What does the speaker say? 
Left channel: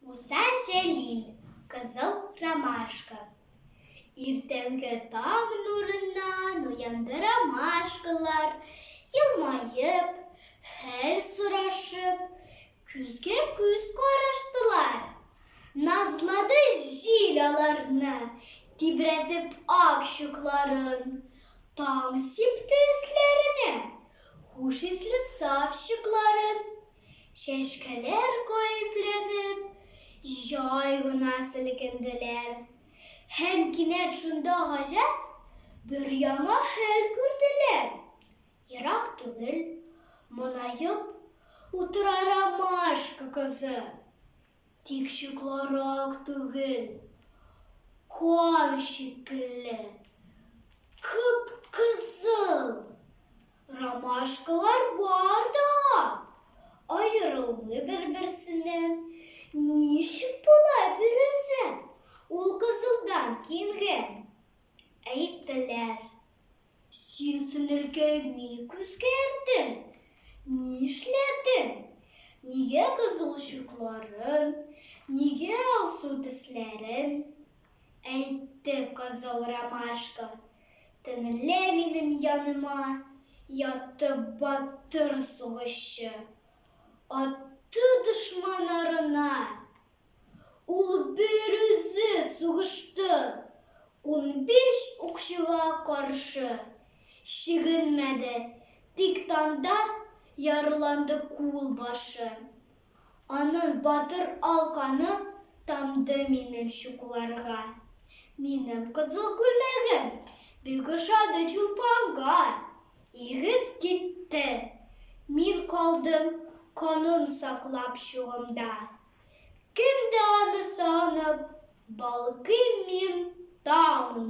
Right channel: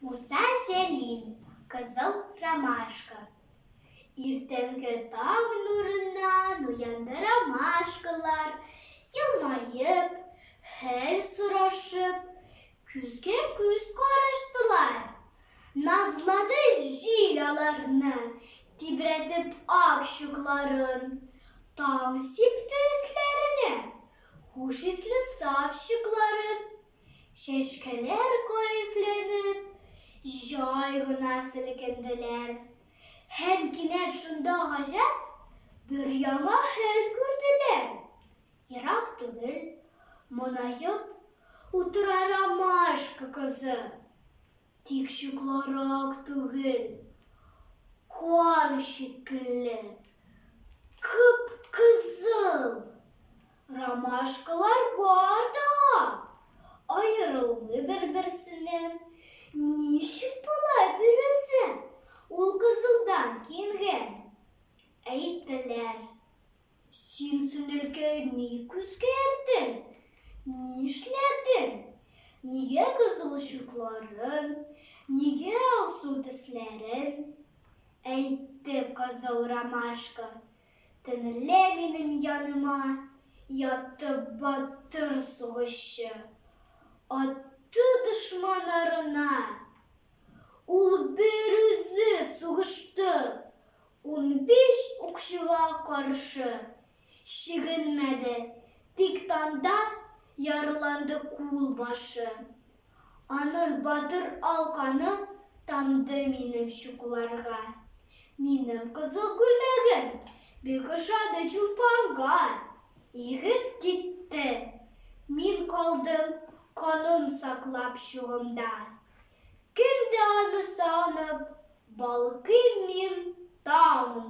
Musa Celil, Kızıl Ramaşka. İrtenki taң nurundan uyandı ramaşkalar, yılmayıp, hal sıraşıp, küzge küz karıştılar. Nazladı jilalarını, titretip akşıkların, taң sipti islerini, huş isli safşıkların, şeşkeler keyiflenip, jaygına silkindiler. Hem kinet şunda gajap, bir yana hal kürdüler. Yirak tügül, monayıp, utıra ramaşka kızı. Tikşiklarak tügül, kol şekilli, kıpkızıl. Ramaşkalar barda, ayrıldı birbirsinden. Nişik bulay birisi, ol kızıldan kengen. Ayttılar, sen sınırken ni küzgerdin, ni işledin? Niye kızıl ışıkların, niye alsut islerin? Ayttı kızıl ramaşka, tınırla benim yanıma, yattı battır soğuşu. Attı düşmanlarına, ol bir özü soğuştu, 15 okşuğa karşı. Şiginmedi, diktanda yaralandı kul başı. Anıl batır alkanı tamdı benim şukularga. Benim kızıl gülmegin, bir kışadı çulpanga. Yiğit gitti, min kaldım kanın saklap şuğumda. Kendi anı sağınıp, balkı min dağımın